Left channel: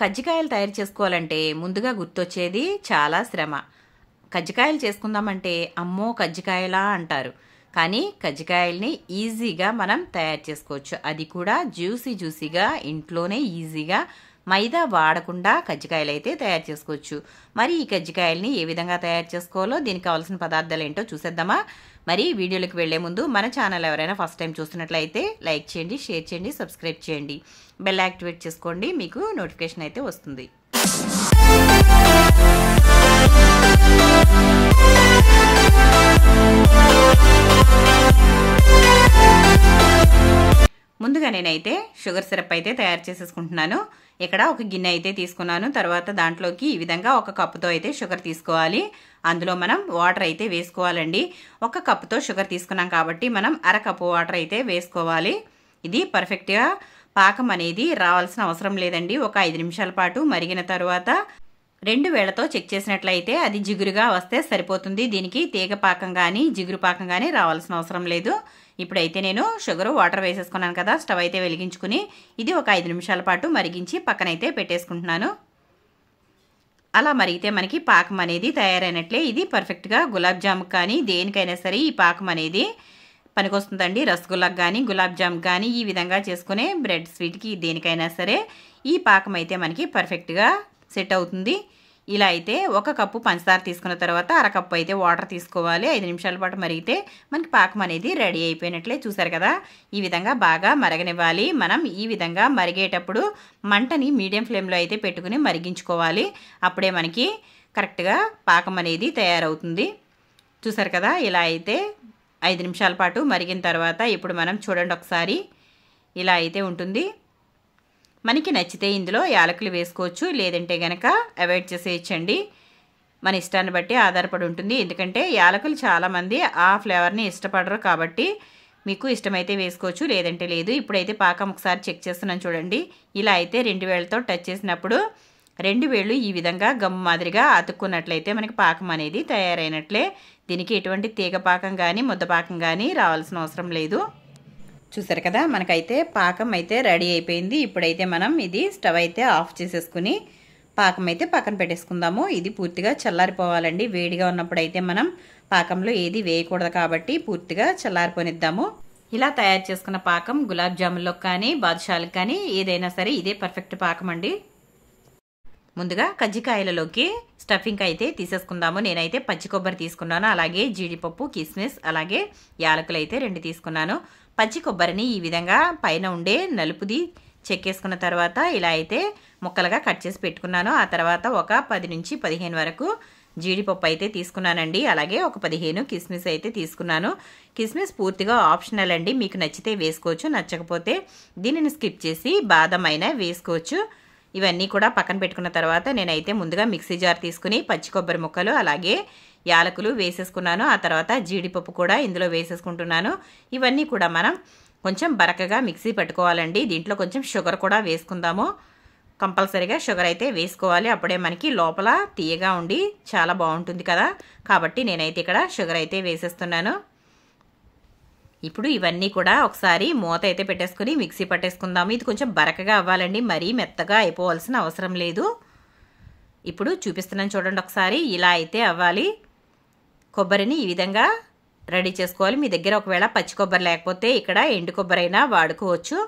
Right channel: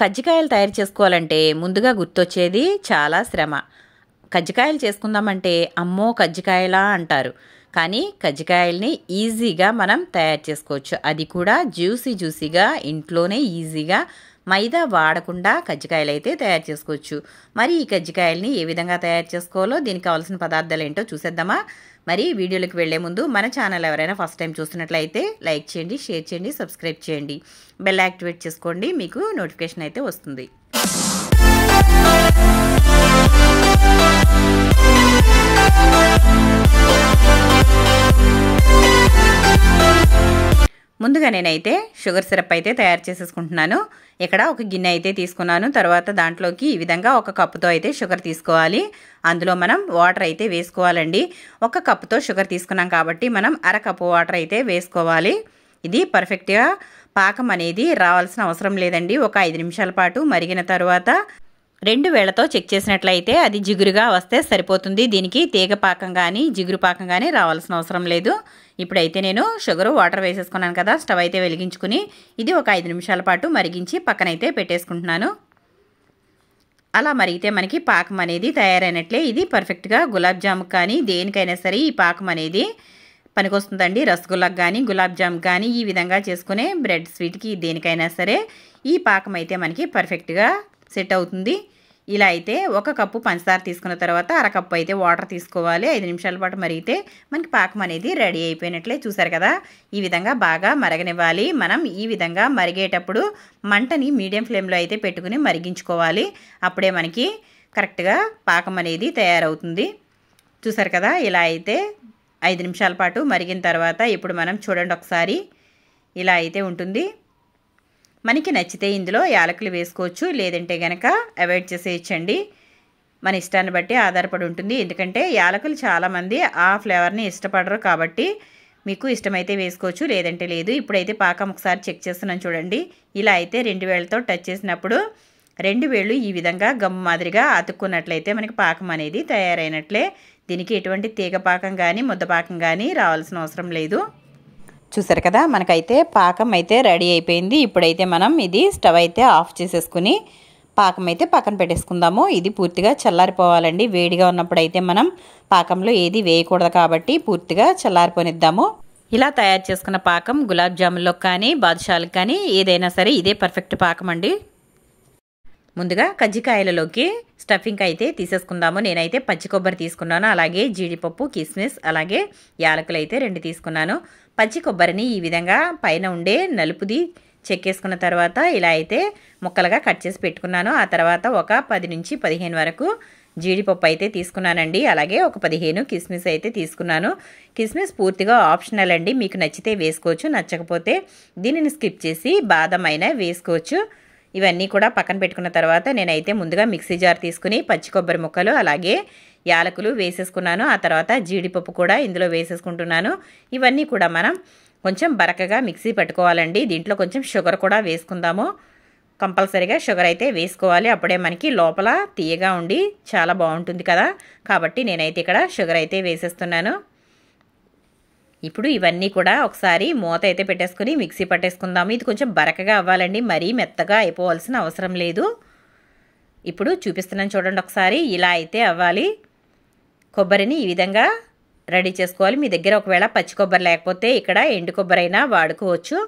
కజ్జికాయలు తయారు చేసుకోవాలంటే ముందుగా గుర్తొచ్చేది చాలా శ్రమ. కజ్జికాయలు చేసుకుందామంటే అమ్మో కజ్జికాయలా అంటారు. కానీ కజ్జికాయల్ని ఈజీగా మనం తయారు చేసుకోవచ్చు. అది కూడా జ్యూసీగా ఇంట్లోనే ఈజీగా మైదా వాడకుండా కజ్జికాయలు అయితే తయారు చేసుకోవచ్చు. మరి ఈ కజ్జికాయల్ని ఏ విధంగా తయారు చేసుకోవాలో దీనికి కావాల్సిన పదార్థాలు ఏంటో చూసేద్దామా. మరి వీడియోలోకి వెళ్లే ముందు మన ఛానల్ ఎవరైనా ఫస్ట్ టైం చూస్తున్నట్లయితే లైక్ చేయండి, షేర్ చేయండి, సబ్స్క్రైబ్ చేయండి, బెల్ యాక్టివేట్ చేసుకోండి, మీకు నోటిఫికేషన్ అయితే వస్తుంది. ముందుగా నేనైతే షుగర్ సిరప్ అయితే తయారు చేసేసుకుంటున్నాను. ఇక్కడ ఒక గిన్నె అయితే తీసుకున్నాను. తర్వాత దాంట్లోకి ఈ విధంగా ఒక కప్పుతో అయితే షుగర్ తీసుకోవాలి. అందులో మనం వాటర్ అయితే వేసుకోవాలండి. ఒక కప్పుతో షుగర్ తీసుకున్నాం కాబట్టి మనం అరకప్పు వాటర్ అయితే వేసుకోవాలి. ఇది పర్ఫెక్ట్గా పాకం అనేది రావాల్సిన అవసరం లేదండి. ఒక 5 నిమిషాల పాటు మరిగిన తర్వాత 2 వేళ్లతో చెక్ చేసినట్లయితే అది జిగురుగా వస్తే సరిపోతుంది. దీనికి తీగ పాకం కానీ జిగురు పాకం కానీ రావాల్సిన అవసరం లేదు. ఇప్పుడైతే నేను షుగరు వాటర్ వేసేసుకున్నాను కదా, స్టవ్ అయితే వెలిగించుకుని ఇది ఒక 5 నిమిషాల పాటు మరిగించి పక్కనైతే పెట్టేసుకుంటున్నాను. అలా మరిగితే మనకి పాకం అనేది తయారైనట్లే. ఇది పర్ఫెక్ట్గా గులాబ్ జామ్ కానీ దేనికైనా సరే ఈ పాకం అనేది పనికొస్తుందండి. రసగుల్లాకు కానీ గులాబ్ జామ్ కానీ ఈ విధంగా చేసుకునే బ్రెడ్ స్వీట్కి దేనికైనా సరే ఈ పాకం అయితే మనకి పర్ఫెక్ట్గా సెట్ అవుతుంది. ఇలా అయితే ఒక కప్పు పంచదార తీసుకున్న తర్వాత అరకప్పు అయితే వాటర్ తీసుకోవాలి. 5 నిమిషాల పాటు మరిగితే మనకి పాకం అనేది రెడీ అయిపోయినట్లే. చూసారు కదా, ఈ విధంగా బాగా మరగనివ్వాలి. మనం ఈ విధంగా మరిగేటప్పుడు మంటని మీడియం ఫ్లేమ్లో అయితే పెట్టుకుని మరిగించుకోవాలి. అప్పుడే మనకి కరెక్ట్గా పాకం అనేది తయారవుతుంది. చూసారు కదా, ఇలా అయితే 5 నిమిషాల పాటు మరిగిన తర్వాత ఇప్పుడు మనం చూడండి ఒకసారి, ఇలా అయితే ఉంటుంది. మనకి నచ్చితే ఇందులో యాలకులు వేసుకోవచ్చు, లేదంటే గనక అవాయిడ్ చేసేయచ్చండి. మన ఇష్టాన్ని బట్టి ఆధారపడి ఉంటుంది. ఎందుకంటే యాలకులు చాలామంది ఆ ఫ్లేవర్ని ఇష్టపడరు కాబట్టి మీకు ఇష్టమైతే వేసుకోవచ్చు, లేదంటే లేదు. ఇప్పుడైతే పాకం ఒకసారి చెక్ చేస్తున్నాను చూడండి. ఇలా అయితే 2 వేళ్లతో టచ్ చేసినప్పుడు 2 వేళ్ళు ఈ విధంగా గమ్ము మాదిరిగా అతుక్కున్నట్లయితే మనకి పాకం అనేది తయారైనట్లే. దీనికి ఎటువంటి తీగ పాకం కానీ ముద్ద పాకం కానీ రావాల్సిన అవసరం లేదు. చూసారు కదా, మనకైతే పాకం అయితే రెడీ అయిపోయింది. ఇప్పుడైతే మనం ఇది స్టవ్ అయితే ఆఫ్ చేసేసుకుని పాకం అయితే పక్కన పెట్టేసుకుందాము. ఇది పూర్తిగా చల్లారిపోవాలండి. వేడిగా ఉన్నప్పుడు అయితే మనం పాకంలో ఏది వేయకూడదు కాబట్టి పూర్తిగా చల్లారిపోనిద్దాము. ఇలా తయారు చేసుకున్న పాకం గులాబ్ జామున్లో కానీ బాదుషాలకు కానీ ఏదైనా సరే ఇదే పర్ఫెక్ట్ పాకం అండి. ముందుగా కజ్జికాయలలోకి స్టఫింగ్ అయితే తీసేసుకుందాము. నేనైతే పచ్చి కొబ్బరి తీసుకున్నాను, అలాగే జీడిపప్పు, కిస్మిస్, అలాగే యాలకులు అయితే 2 తీసుకున్నాను. పచ్చి కొబ్బరిని ఈ విధంగా పైన ఉండే నలుపుది చెక్కేసుకున్న తర్వాత ఇలా అయితే ముక్కలుగా కట్ చేసి పెట్టుకున్నాను. ఆ తర్వాత ఒక 10 నుంచి 15 వరకు జీడిపప్పు అయితే తీసుకున్నానండి. అలాగే ఒక 15 కిస్మిస్ అయితే తీసుకున్నాను. కిస్మిస్ పూర్తిగా ఆప్షనల్ అండి, మీకు నచ్చితే వేసుకోవచ్చు, నచ్చకపోతే దీనిని స్కిప్ చేసి బాదం అయినా వేసుకోవచ్చు. ఇవన్నీ కూడా పక్కన పెట్టుకున్న తర్వాత నేనైతే ముందుగా మిక్సీ జార్ తీసుకుని పచ్చి కొబ్బరి ముక్కలు అలాగే యాలకులు వేసేసుకున్నాను. ఆ తర్వాత జీడిపప్పు కూడా ఇందులో వేసేసుకుంటున్నాను. ఇవన్నీ కూడా మనం కొంచెం బరకగా మిక్సీ పట్టుకోవాలండి. దీంట్లో కొంచెం షుగర్ కూడా వేసుకుందాము. కంపల్సరీగా షుగర్ అయితే వేసుకోవాలి, అప్పుడే మనకి లోపల తీయగా ఉండి చాలా బాగుంటుంది కదా. కాబట్టి నేనైతే ఇక్కడ షుగర్ అయితే వేసేస్తున్నాను. ఇప్పుడు ఇవన్నీ కూడా ఒకసారి మూత అయితే పెట్టేసుకుని మిక్సీ పట్టేసుకుందాము. ఇది కొంచెం బరకగా అవ్వాలండి, మరీ మెత్తగా అయిపోవాల్సిన అవసరం లేదు. ఇప్పుడు చూపిస్తున్నాను చూడండి ఒకసారి, ఇలా అయితే అవ్వాలి. కొబ్బరిని ఈ విధంగా రెడీ చేసుకోవాలి. మీ దగ్గర ఒకవేళ పచ్చి కొబ్బరి లేకపోతే ఇక్కడ ఎండు కొబ్బరి అయినా వాడుకోవచ్చు.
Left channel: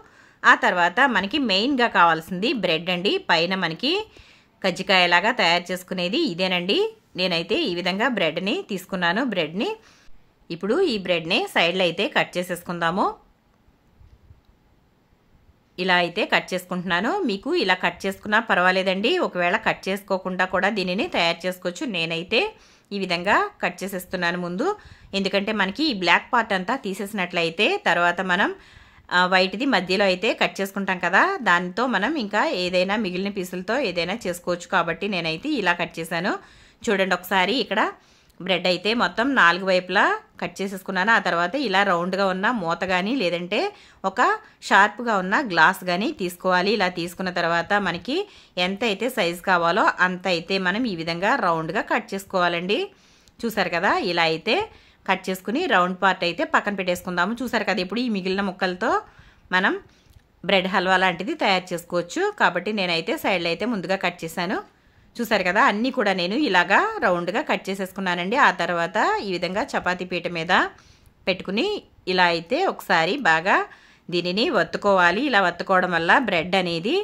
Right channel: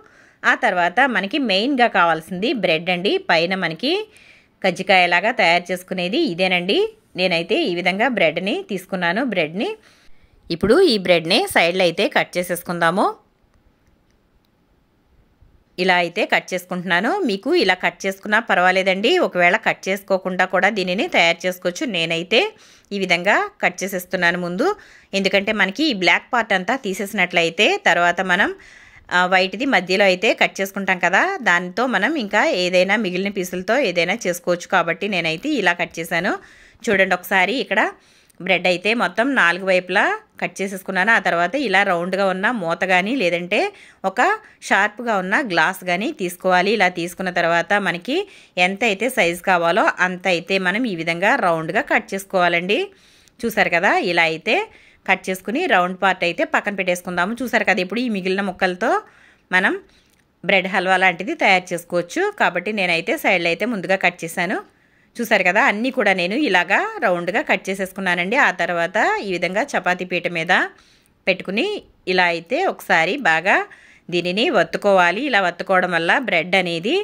ఆ తర్వాత మనకి మెయిన్గా కావాల్సింది బ్రెడ్ అండి. పైన మనకి కజ్జికాయలాగా తయారు చేసుకునేది ఇదేనండి. నేనైతే ఈ విధంగా బ్రెడ్ని తీసుకున్నాను. ఇప్పుడు ఈ బ్రెడ్ని సైడ్లో అయితే కట్ చేసేసుకుందాము. ఇలా అయితే కట్ చేసుకుంటున్నాను. మీకు ఇలా కట్ చేసుకున్నా పర్వాలేదండి, ఒకవేళ కట్ చేసుకోకుండా కూడా దీనిని తయారు చేసుకోవచ్చు. నేనైతే ఈ విధంగా కట్ చేసేస్తున్నాను ముందు, ఎందుకంటే మనకి ఈ బ్లాక్ పార్ట్ అంతా తీసేసినట్లయితే తర్వాత మనం వైట్ది మధ్యలో అయితే కట్ చేసుకుంటాం కదా, దానితో మనం ఇంకా ఏదైనా మిగిలిన పీసులతో ఏదైనా చేసుకోవచ్చు. కాబట్టి నేనైతే ఇలా కట్ చేశాను. చూడండి ఒకసారి, ఇక్కడ బ్రెడ్ అయితే మొత్తం 4 వైపులా కట్ చేసేసుకున్నాను. ఆ తర్వాత ఇలా రౌండ్గా ఉన్న మూత కానీ లేదంటే ఒక షార్ప్గా ఉన్న గ్లాస్ కానీ తీసుకోవాలి. ఇలా తీసుకున్న తర్వాత మనకి ఎంత అయితే సైజు కావాలో అంత అయితే మనం ఈ విధంగా రౌండ్గా కట్ చేసుకోవాలండి. చూసారు కదా, ఇలా అయితే కట్ చేసుకుని రౌండ్ పార్ట్ అయితే పక్కన పెట్టేసుకుందాము. చూసారు కదా, ఇప్పుడు ఈ మిగిలిన ముక్కలతో మనం బ్రెడ్ హల్వా లాంటిది తయారు చేసుకోవచ్చు. కాబట్టి నేనైతే సైడ్లో అయితే ముందుగా కట్ చేశాను. చూసారు కదా, అన్నీ కూడా నేను ఇలాగా రౌండ్గా కట్ చేసేసుకున్నానండి. ఆ తర్వాత ఈ విధంగా చపాతీ పీట మీద పెట్టుకుని ఇలా అయితే ఒకసారి బాగా దీనిని వత్తుకోవాలి. ఇలా వత్తుకోవడం వల్ల బ్రెడ్ అనేది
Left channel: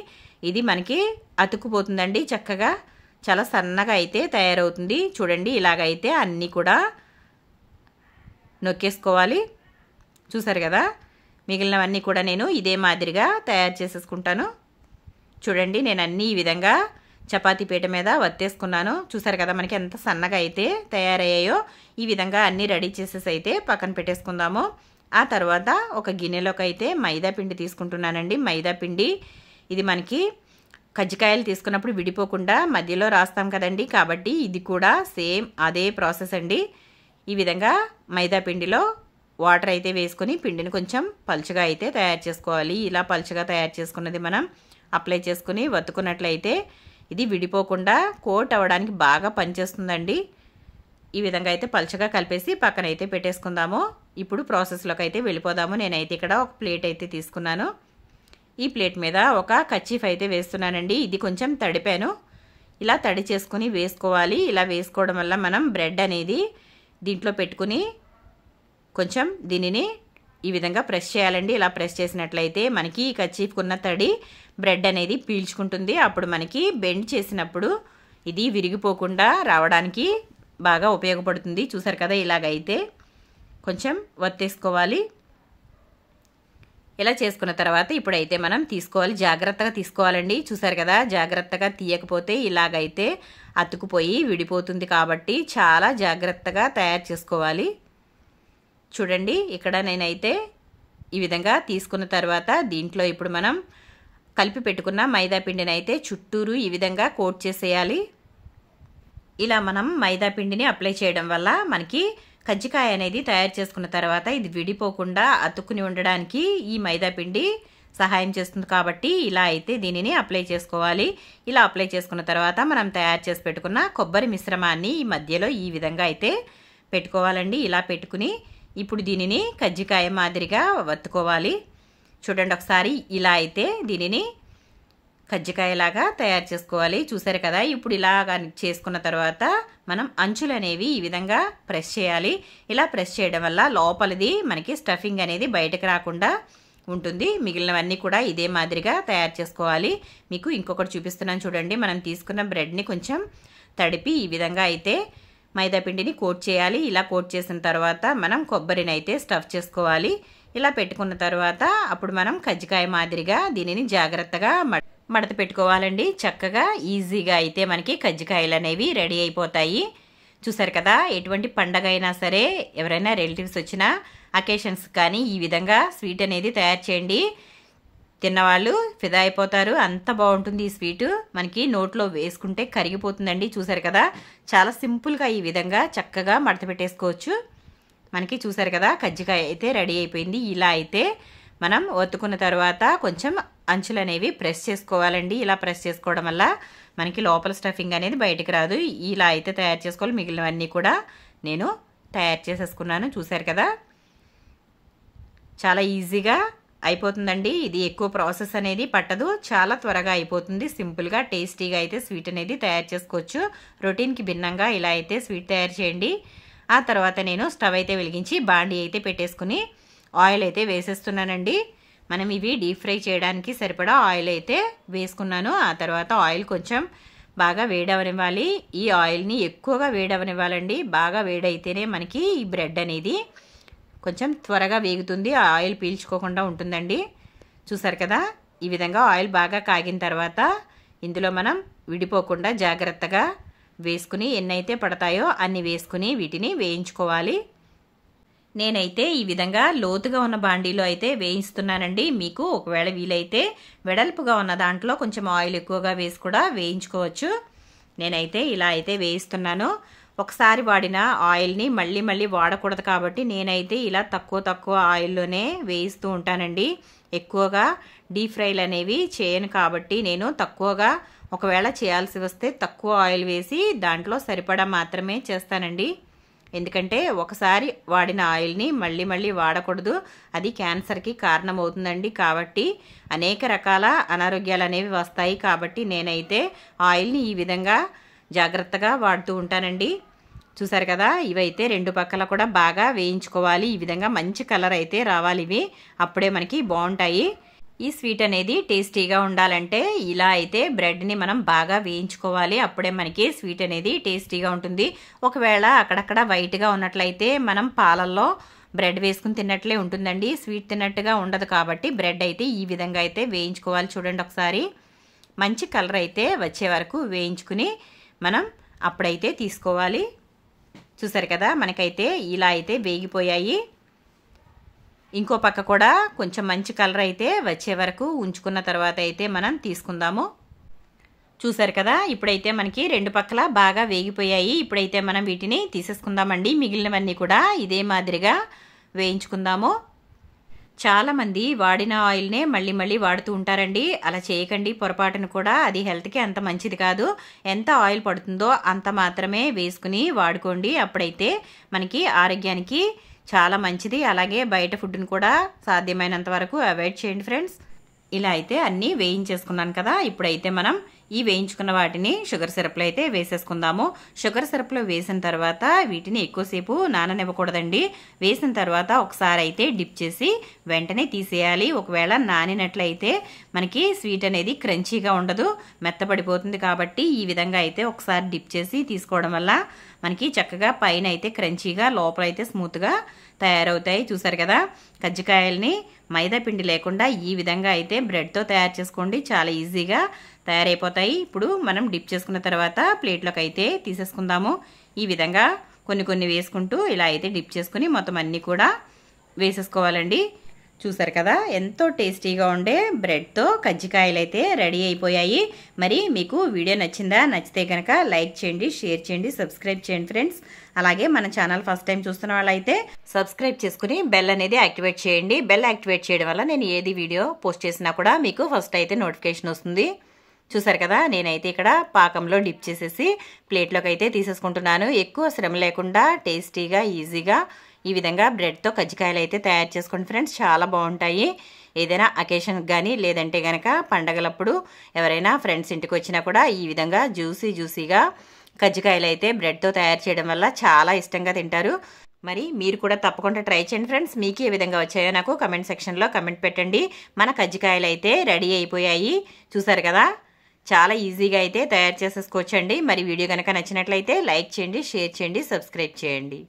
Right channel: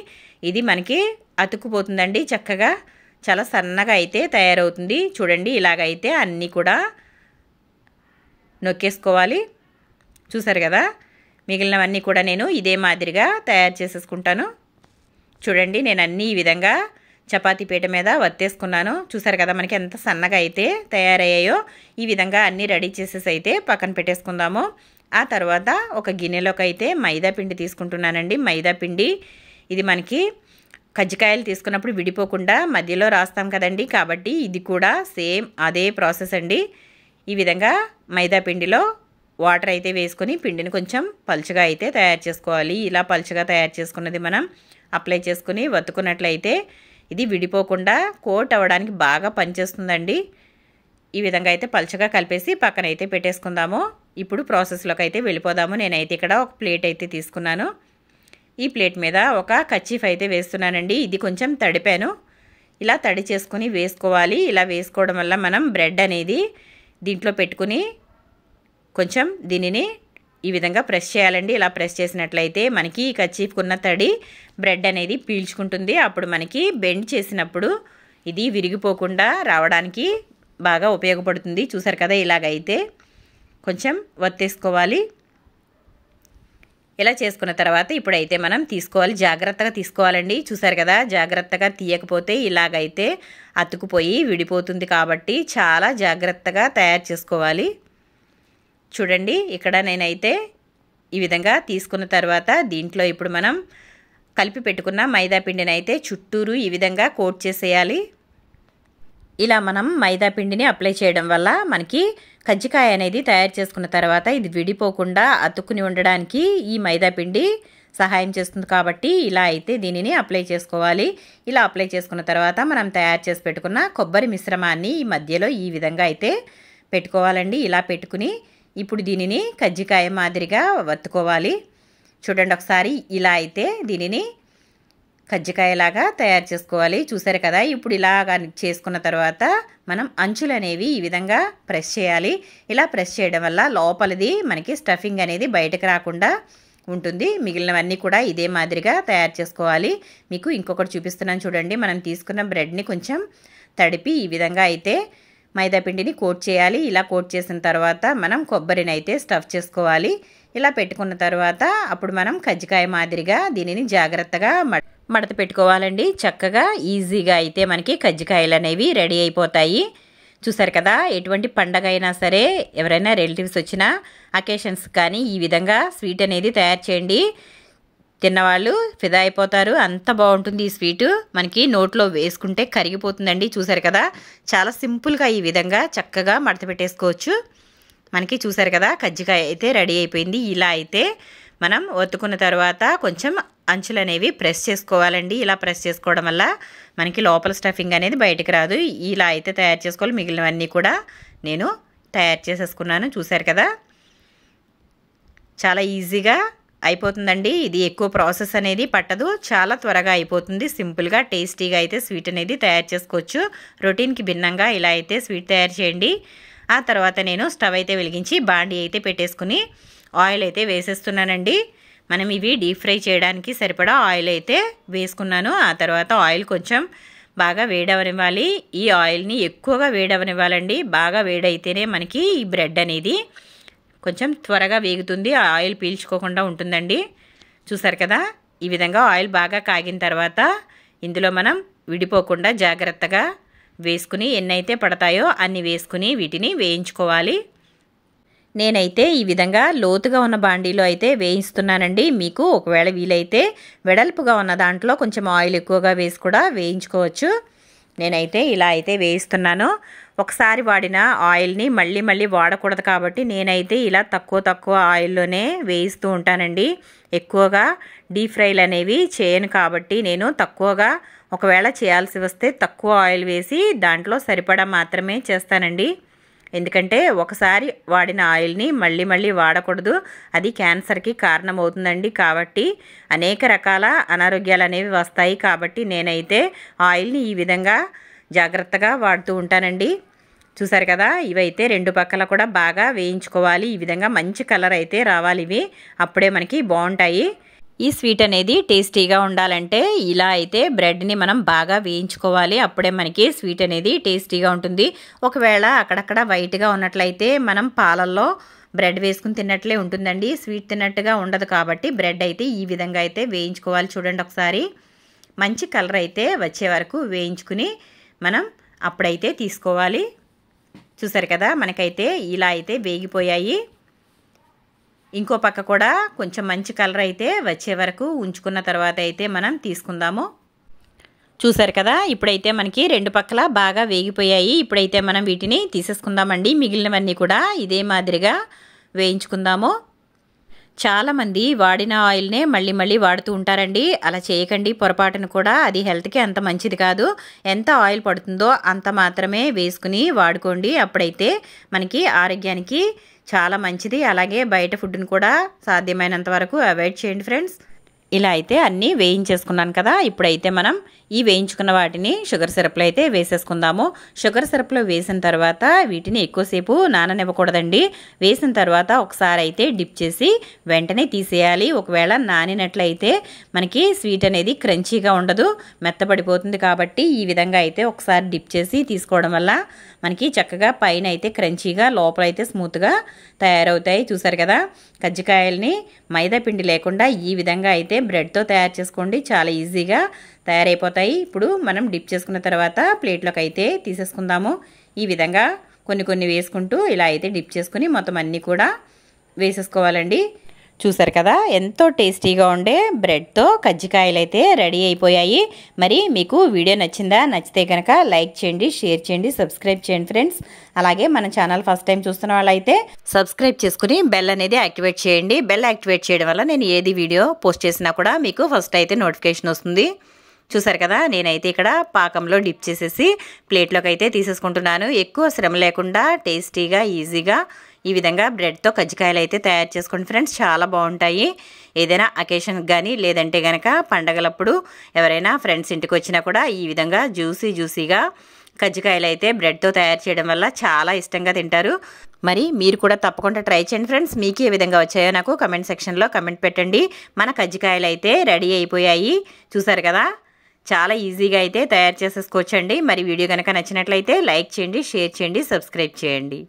ఇది మనకి అతుక్కుపోతుందండి. చక్కగా చాలా సన్నగా అయితే తయారవుతుంది. చూడండి, ఇలాగైతే అన్నీ కూడా నొక్కేసుకోవాలి. చూసారు కదా, మిగిలినవన్నీ కూడా నేను ఇదే మాదిరిగా తయారు చేసేసుకుంటాను. చూడండి, నేను అన్నీ ఈ విధంగా చపాతీ పీట మీద వత్తేసుకున్నాను. చూసారు కదా మనకి ఎంత సన్నగా అయితే తయారయ్యాయో. ఈ విధంగా అన్నీ రెడీ చేసేసి అయితే పక్కన పెట్టేసుకుందాము. ఆ తర్వాత ఒక గిన్నెలోకి అయితే మైదా పిండి తీసుకుంటున్నానండి. మైదా పిండి ఇది మనకి కజ్జికాయలు తీసుకున్నప్పుడు విడిపోకుండా మధ్యలో రాస్తాం కదండి, కాబట్టి ఇది కూడా సేమ్ అదే ప్రాసెస్ అండి. ఈ విధంగా మైదా పిండిలో వాటర్ అయితే వేసుకొని పిండిని కొంచెం పలుచగా అయితే తయారు చేసుకోవాలి. ఇలా పలుచగా తయారు చేసుకున్నది మనం అప్లై చేసుకుని వత్తుకున్నట్లయితే ఇది విడిపోకుండా కోట్ అవ్వడానికి బాగా పనిచేస్తుందండి. ఈ విధంగా అయితే పలుచగా కలిపేసి పక్కన అయితే పెట్టేసుకుందాము. ఇప్పుడు ప్రాసెస్లోకి అయితే వెళ్ళిపోదాము. నేనైతే ఇక్కడ ఒక ప్లేట్ అయితే తీసుకున్నాను. ఈ ప్లేట్ మీద ఒక కర్చీఫ్ అయితే వేస్తున్నానండి. ఇది కొంచెం తడిపాను. ఇలా తడి చేసుకుని వేసుకోవాలి. ఇలా వేసుకోవడం వల్ల మనం బ్రెడ్ అనేది దీంట్లో పెట్టుకుని కొంచెం దీనిని ఈ విధంగా ప్రెస్ చేయాలండి. ఇలా ప్రెస్ చేసినట్లయితే మనకి ఈ కర్చీఫ్కున్న తడి బ్రెడ్ అనేది పీల్చుకుంటుంది. అప్పుడు మనకి బెండ్ చేసినప్పుడు ఇది విరిగిపోకుండా రావడానికి బాగా ఉపయోగపడుతుంది. చూసారు కదా, ఇలాగైతే కొంచెం వత్తేసుకోవాలి. ఇలా చేసుకున్న తర్వాత ఇప్పుడైతే మనం తీసుకోవాలి, జాగ్రత్తగా తీసుకోవాలండి. చూసారు కదా, జాగ్రత్తగా తీయకపోతే ఇలాగైతే అతుకుపోయి విడిపోతుంది. కాబట్టి చాలా జాగ్రత్తగా తయారు చేసుకోవాలి. చూడండి, ఇక్కడ నేనైతే ఈ విధంగా తీసుకున్న తర్వాత దీంట్లో ఇప్పుడు మనం కలిపి పెట్టుకున్న మైదా పిండిని అయితే చుట్టూరు ఈ విధంగా కోట్ చేసేయాలి. ఇలా మనం మైదా పిండిని అప్లై చేయడం వల్ల మనకి కజ్జికాయ అనేది తయారు చేసుకున్న తర్వాత ఇది విడిపోకుండా అతుక్కుని ఉండడానికి ఈ మైదా పిండి సహాయం చేస్తుంది. కాబట్టి ఇలా అయితే దీనిని అప్లై చేసుకోవాలి. ఇలా అప్లై చేసుకున్న తర్వాత మనం తయారు చేసి పెట్టుకున్న కొబ్బరి మిశ్రమాన్ని ఈ మధ్యలో ఈ విధంగా అయితే పెట్టుకోవాలండి. ఇలా పెట్టుకుని ఇప్పుడు దీనిని కజ్జికాయ మాదిరిగా వత్తుకోవాలి. చూడండి ఒకసారి, ఇలా అయితే దీనిని కజ్జికాయలాగా తయారు చేసుకోవాలి. చూసారు కదా, ఇప్పుడు ఇలాగా చేసుకున్న తర్వాత మనం అంచులు అనేవి ఈ విధంగా ప్రెస్ చేయాలి. ఇలా ప్రెస్ చేయడం వల్ల లోపలిది మనకి స్టఫింగ్ అనేది బయటకు రాకుండా ఉంటుంది. మిగిలినవన్నీ కూడా ఇదే మాదిరిగా తయారు చేసుకోవాలి. మీకు ఇంకొకటి చూపిస్తున్నాను చూడండి. మనం తీసుకున్న బ్రెడ్ని కొంచెం తడిపి ఈ విధంగా అయితే మైదా పిండిని కోట్ చేయాలి. ఇలా కోట్ చేసిన తర్వాత మనం కొబ్బరిని అయితే స్టఫ్ చేసుకోవాలి. ఇలా పెట్టుకున్న తర్వాత అప్పుడు మనం కజ్జికాయ మాదిరిగా దీనిని జాగ్రత్తగా మడత పెట్టుకోవాలండి. చక్కగా ఈజీగా అయితే మనకి కజ్జికాయలు అనేవి రెడీ అయిపోతాయి. చూసారు కదా, ఎటువంటి పండగ అయినా సరే ఎవరైనా రిలేటివ్స్ వచ్చినా అకేషన్స్ కానీ ఈ విధంగా స్వీట్ అనేది తయారు చేయండి. తిన్నవాళ్ళు ఫిదా అయిపోతారు. అంత బాగుంటుంది ఈ స్వీటు. మనకి నోట్లో వేసుకుంటే కరిగిపోతుందండి. చూసారు కదా, చాలా సింపుల్గా ఈ విధంగా చక్కగా మడత పెట్టేసుకోవచ్చు. మనకి చూసారు కదా, కజ్జికాయ అయితే రెడీ అయిపోయింది. ఇలా అయితే మనం ఒత్తుకున్న తర్వాత కొంచెం అంచులు అనేవి ప్రెస్ చేసుకోవాలండి. ఇలా ప్రెస్ చేసుకోవడం వల్ల మనకి లోపల స్టఫింగ్ అనేది బయటికి రాదు. ఇలా అయితే తయారు చేసుకోవాలి. మిగిలినవన్నీ కూడా నేను తయారు చేసేసుకున్నాను. చూసారు కదా, చాలా ఈజీగా అయిపోతుందండి. ఇది ఎక్కువ ప్రాసెస్ అనేది పట్టదు, చాలా త్వరగా అయిపోతుంది. సింపుల్గా టేస్టీగా అయితే స్వీట్ అనేది తయారు చేసుకోవచ్చు. రొటీన్కి భిన్నంగా ఇలా అయితే స్వీట్ తయారు చేయండి. ఆ తర్వాత నేను స్టవ్ అయితే వెలిగించి బాండీ అయితే పెట్టేసుకుని ఆయిల్ అయితే వేసేస్తున్నానండి. మనం ఇవి డీప్ ఫ్రై చేయడానికి సరిపడా ఆయిల్ అయితే వేసుకున్నాను. ఆ తర్వాత ఆయిల్ కొంచెం బాగా వేడవనివ్వాలి. ఈ ఆయిల్ని ఎక్కువగా వేడవనివ్వాలండి. బాగా వేడైతేనే మనకి ఈ బ్రెడ్ అనేది కొంచెం త్వరగా వేగుతుంది, ఆయిల్ పీల్చుకోకుండా ఉంటుందండి. చూసారు కదా, ఈ విధంగా ఆయిల్ బాగా కాగిన తర్వాత ఇందులో మనం విడిపోకుండా జాగ్రత్తగా వేసుకుని ఎన్నైతే పడతాయో అన్ని వేసుకుని వీటిని వేయించుకోవాలి. నేనైతే ఈ విధంగా లోతుగా ఉన్న బాండీలో అయితే వేయిస్తున్నానండి. మీకు ఒకవేళ వీలైతే వెడల్పుగా ఉన్న దాంట్లో కొంచెం ఆయిల్ ఎక్కువగా వేసి కూడా వేయించుకోవచ్చు. నేనైతే ఇలా అయితే వేయిస్తున్నాను. ఒకసారి వాడిన ఆయిల్ని మళ్ళీ మళ్ళీ వాడకూడదు కాబట్టి నేనైతే ఇలా తక్కువ ఆయిల్లోనే వేయిస్తూ ఉంటానండి. ఎక్కువగా డీప్ ఫ్రైలు అనేవి చేయను కాబట్టి నేను తక్కువగా, ఒకవేళ చేయాల్సి వస్తే తక్కువ ఆయిల్ వేసి దాంట్లో సరిపడా మాత్రమే చేస్తానండి. ఎందుకంటే ఒకసారి వాడిన ఆయిల్ని మళ్ళీ మళ్ళీ వాడకూడదు, అది క్యాన్సర్కి కారణమవుతుందండి. కాబట్టి అనేక రకాల అనారోగ్యాలు అనేవి వస్తాయి. కాబట్టి నేనైతే ఆయిల్ని ఈ విధంగా జాగ్రత్తగా వాడుతూ ఉంటానండి. చూసారు కదా, ఇవైతే రెండు పక్కల కూడా బాగా వేయించుకోవాలి. ఈ విధంగా మంచి కలర్ అయితే రావాలి, ఇవి అప్పుడే మనకి బాగుంటాయి. ఈ స్వీట్ అనేది టేస్టీగా ఉండాలంటే ఇలా అయితే బ్రెడ్ని మనం బాగా వేయించుకోవాలి, అప్పుడే మనకి స్వీట్ అనేది టేస్టీగా ఉంటుంది. ఒకవేళ అక్కడక్కడ వైట్గా ఉన్నట్లయితే మనం పాలల్లో బ్రెడ్ వేసుకుని తిన్నట్లే ఉంటుందండి, స్వీట్ తిన్నట్టుగా ఉండదు. కాబట్టి బ్రెడ్ అయితే ఈ విధంగా అయితే వేయించుకోవాలి. చూడండి ఒకసారి, మంచి కలర్ అయితే వచ్చే వరకు వేయించుకుని మనం అప్పుడైతే తీసుకోవాలి. చూసారు కదా, మనకైతే ఇలా అయితే వేగిపోయాయి. ఇంకో పక్క కూడా కొంచెం మంచి కలర్ అయితే వచ్చే వరకు ఉంచుకున్న తర్వాత అయితే మనం తీసుకుందాము. చూసారు కదా, ఇప్పుడైతే మనకి రెండు పక్కల బాగా వేగిపోయాయి. ఇప్పుడైతే మనం వీటిని తీసేసుకుందామండి. మిగిలినవన్నీ కూడా ఇదే మాదిరిగా వేయించుకుందాము. చాలామంది వాడిన ఆయిల్నే మళ్ళీ మళ్ళీ వాడుతూ ఉంటారండి. అలా చేయకండి పొరపాటును కూడా, అది హెల్త్కి అంత మంచిది కాదు. ఎంత ఆయిల్ పడుతుందో అంత మాత్రమే వేసుకుని వాడుకోండి, అప్పుడైతే మనకి ఆరోగ్యానికి చాలా మంచిది. అలాగే బయట ఫుడ్ని కూడా సాధ్యమైనంత వరకు అవాయిడ్ చేయండి ఫ్రెండ్స్. ఇలా అయితే అన్నీ వేయించేసుకున్నాను కదా, ఇప్పుడైతే మనం ఈ వేయించుకున్న వాటిని షుగర్ సిరప్లో అయితే వేసేసుకుందాము. షుగర్ సిరప్లో వేసిన తర్వాత వీటిని ఎక్కువసేపు నాననివ్వకూడదండి. వేసిన తర్వాత ఒకసారి అయితే డిప్ చేసి వెంటనే తీసేయాలి. ఒకవేళ నానినట్లయితే మనకి స్వీట్ అనేది క్రంచీగా ఉండదు, మెత్తబడిపోతుంది. కాబట్టి ఈ విధంగా అయితే ఒకసారి డిప్ చేసి తీసుకోవడం వల్ల మనకి చక్కగా పైన అయితే క్రంచీగా, లోపల అయితే స్మూత్గా తయారవుతాయి. చూసారు కదా, కజ్జికాయల్ని మైదా పిండి లేకుండా ఈ విధంగా అయితే బ్రెడ్తో తయారు చేసుకోండి, చాలా ఈజీగా తయారైపోతాయి. ఇప్పుడు మనం డిప్ చేసుకున్న తర్వాత ప్లేట్లోకి అయితే తీసేసుకుందాము. ఈ విధంగా కొన్ని కొన్ని వేసుకుంటూ ఇలా అయితే డిప్ చేసుకుని మొత్తం అన్నీ కూడా వేసేసుకోవాలండి. చూసారు కదా, ఎంతో టేస్టీగా ఉండే బ్రెడ్తో కజ్జికాయలు అయితే రెడీ అయిపోయాయి. మరి మీకు వీడియో నచ్చిందా? నచ్చితే కనుక లైక్ చేయండి, షేర్ చేయండి, సబ్స్క్రైబ్ చేయండి ఫ్రెండ్స్. అలాగే మన ఛానల్ ఫస్ట్ టైం చూస్తున్న వాళ్ళైతే సబ్స్క్రైబ్ చేసుకుని బెల్ అనేది యాక్టివేట్ చేయండి. బెల్ యాక్టివేట్ చేయడం వల్ల నేను ఏది వీడియో పోస్ట్ చేసినా కూడా మీకు ఫస్ట్ అయితే నోటిఫికేషన్ వస్తుంది. చూసారు కదా, నేనైతే ఇక్కడ పాకంలో డిప్ చేసేసి ప్లేట్లోకి అయితే తీసేసుకుంటున్నాను. ఎక్కువ శ్రమ లేకుండా టేస్టీగా ఈజీగా ఈ విధంగా బ్రెడ్తో కజ్జికాయలు అయితే తయారు చేసుకోండి ఫ్రెండ్స్, చాలా బాగుంటాయి. ఏదైనా అకేషన్కి కానీ లేదంటే కనుక పండగలప్పుడు ఎవరైనా ఫ్రెండ్స్ ఇంటికి వచ్చినా కూడా ఈ విధంగా జ్యూసీగా కజ్జికాయలు అయితే బ్రెడ్తో తయారు చేయడం వల్ల చాలా ఇష్టంగా తింటారు. మరి మీరు కూడా తప్పకుండా ట్రై చేయండి ఫ్రెండ్స్. మీకు ఏ విధంగా వచ్చాయో నాకు కమెంట్ సెక్షన్లో కమెంట్ పెట్టండి. మన కజ్జికాయలు అయితే రెడీ అయిపోయాయి. చూసారు కదా, చాలా ఈజీగా అయితే తయారు చేసేసుకోవచ్చండి. మరి వీడియో కనుక నచ్చినట్లయితే లైక్ చేయండి, షేర్ చేయండి, సబ్స్క్రైబ్ చేయండి.